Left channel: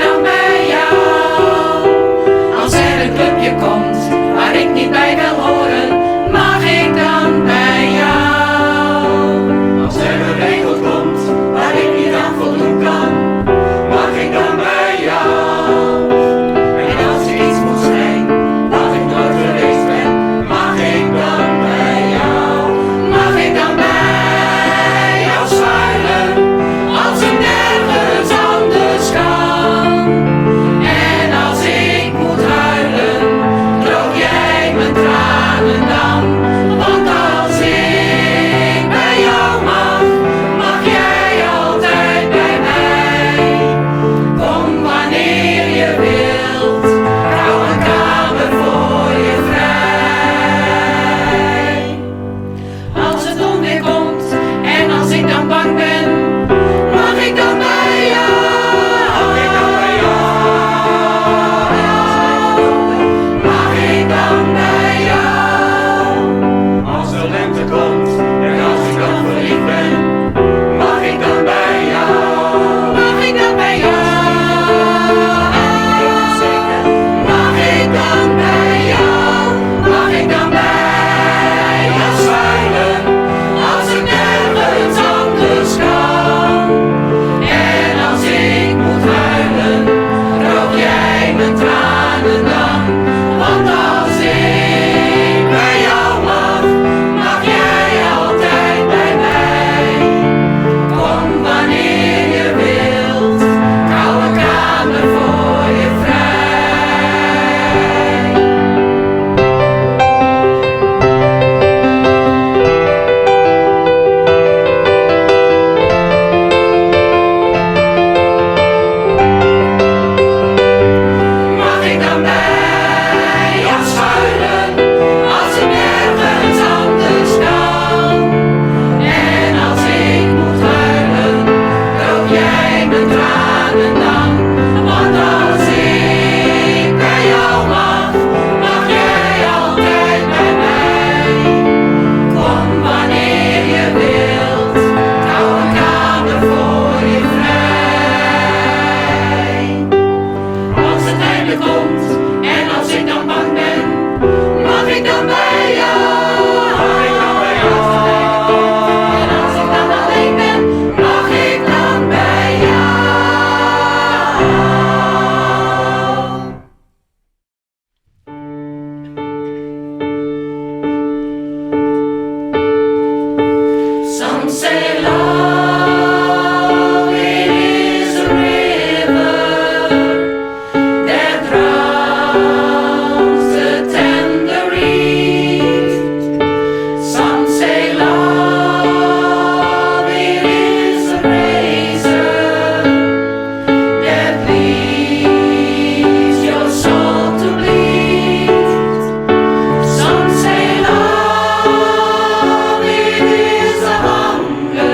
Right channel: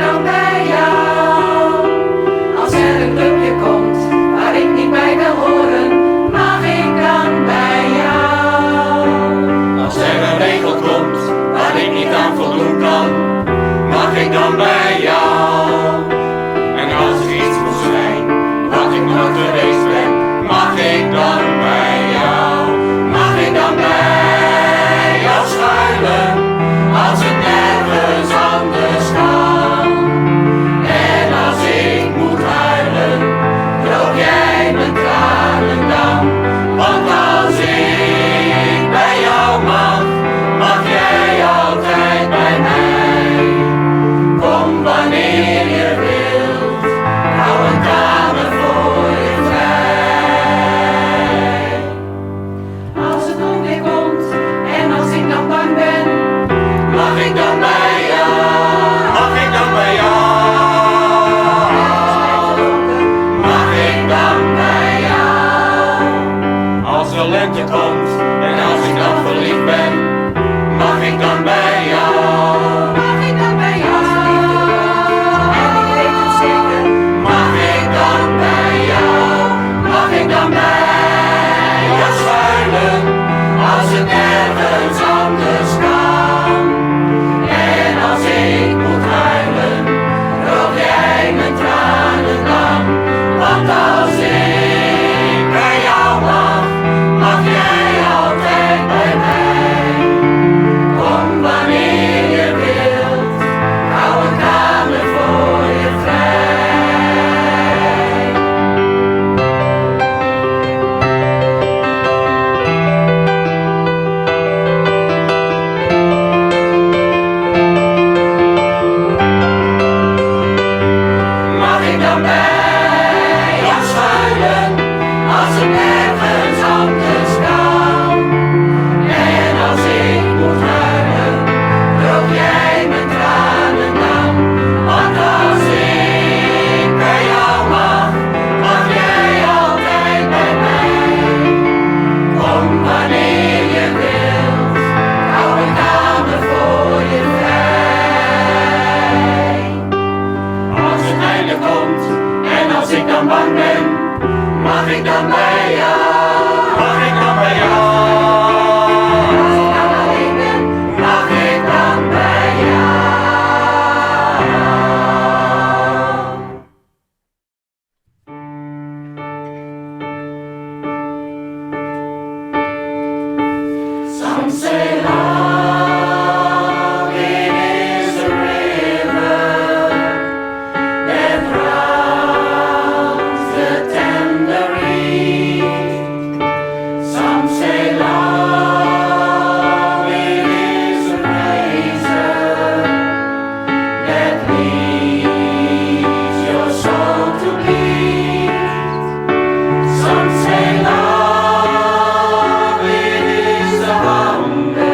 dan bij jou? Als er een clubje komt waar ik niet bij wil horen, mag ik dan bij jou? Als er een regel komt waar ik niet aan voldoen kan, mag ik dan bij jou? En als er iets moet zijn wat ik nooit geweest ben, mag ik dan bij jou? Mag ik dan bij jou schuilen als het nergens anders kan? En als ik moet huilen, droog jij mijn tranen dan? Want als ik bij jou mag, mag jij altijd bij mij. Kom wanneer je wilt, ik hou een kamer voor je vrij. Als het onweer komt en als ik dan bang ben, mag ik dan bij jou? Mag ik dan bij jou? Mag ik dan bij jou? Als de lente komt en als ik dan verliefd ben, mag ik dan bij jou? Mag ik dan bij jou? En ik weet het zeker. Mag ik dan bij jou? Mag ik dan bij jou schuilen als het nergens anders kan? En als ik moet huilen, droog jij mijn tranen dan? Want als ik bij jou mag, mag jij altijd bij mij. Kom wanneer je wilt, ik hou een kamer voor je vrij. Mag ik dan bij jou schuilen als het nergens anders kan? En als ik moet huilen, droog jij mijn tranen dan? Want als ik bij jou mag, mag jij altijd bij mij. Kom wanneer je wilt, ik hou een kamer voor je vrij. Als het einde komt en als ik dan bang ben, mag ik dan bij jou? Mag ik dan bij jou? En als ik dan alleen ben, Mag ik dan bij jou? some say love it is a river that drowns the tender reed. Some say love it is a razor that leaves your soul to bleed. Some say love it is a hunger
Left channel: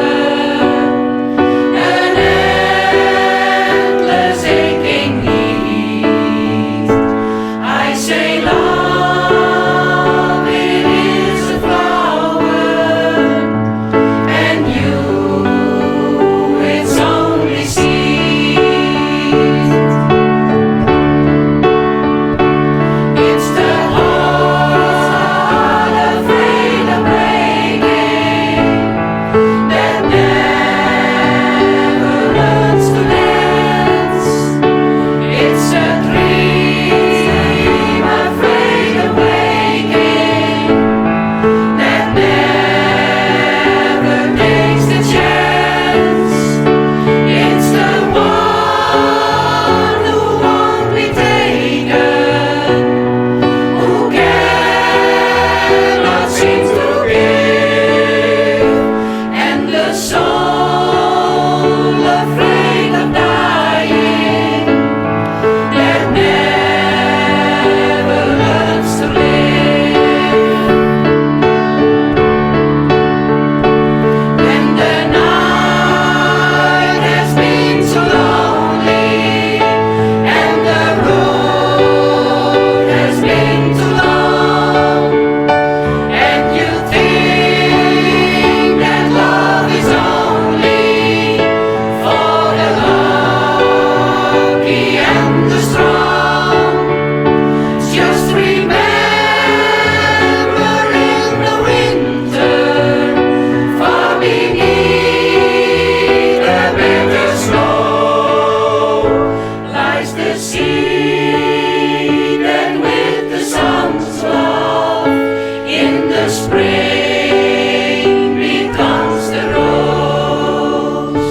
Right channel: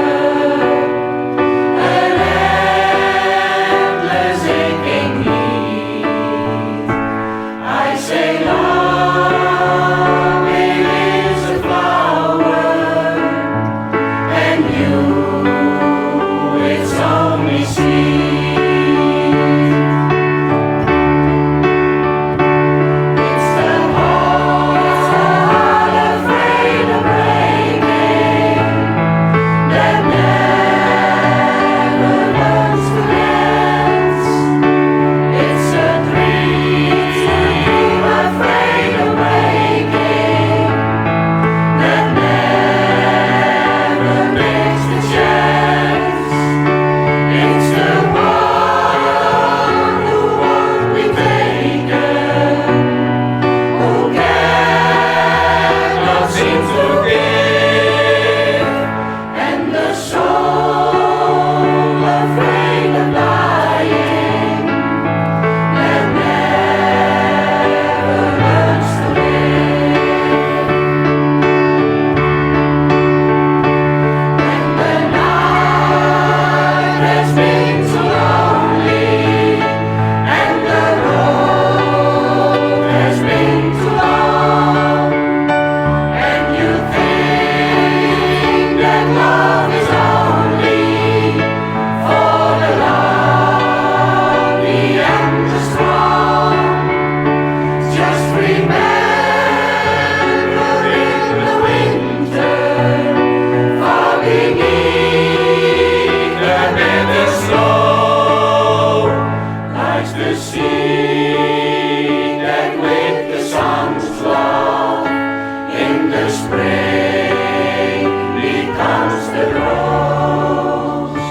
spring, wie danst de roos?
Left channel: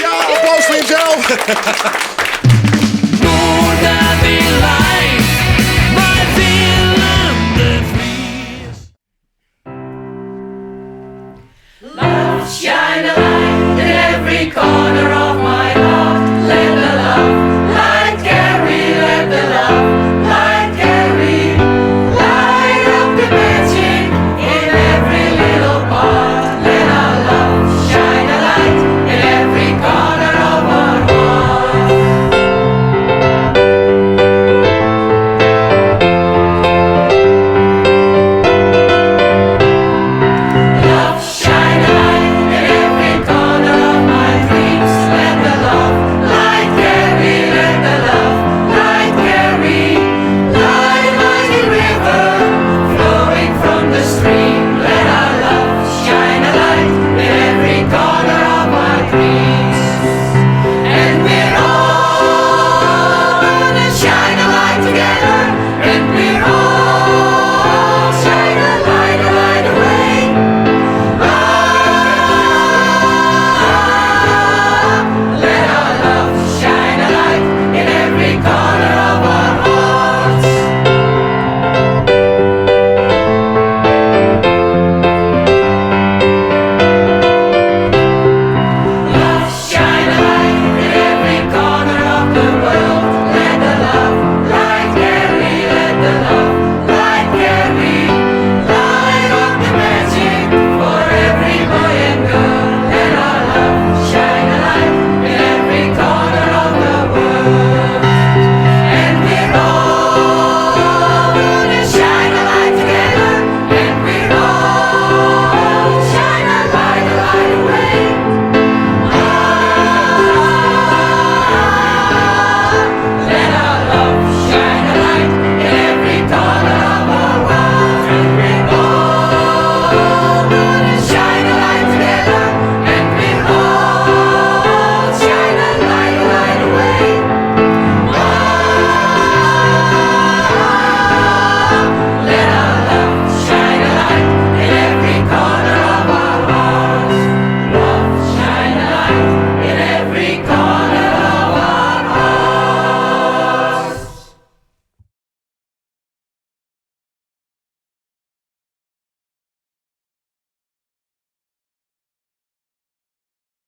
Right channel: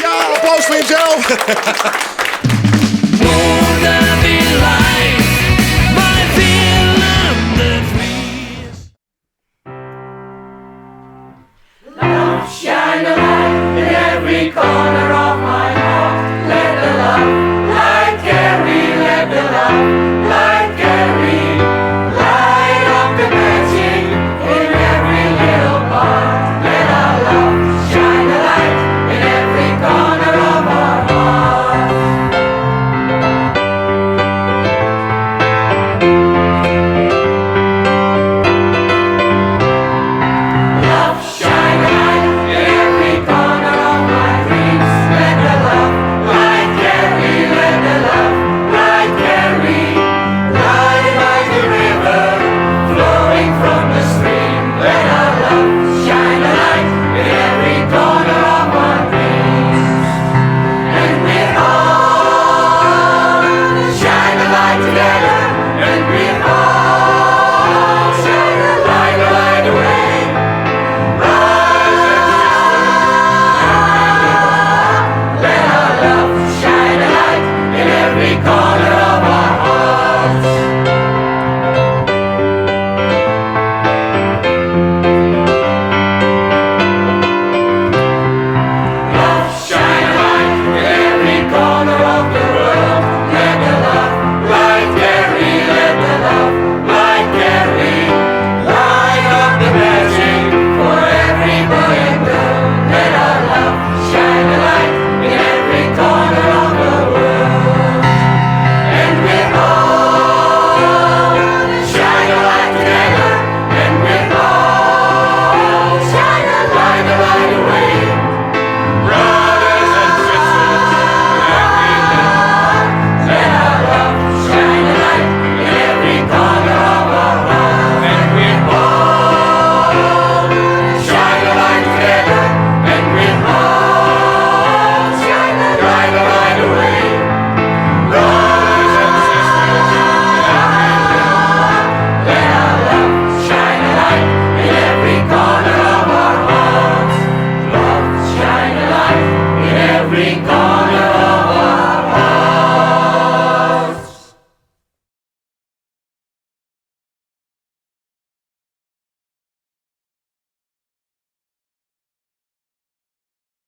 Ja, applaus voor jezelf.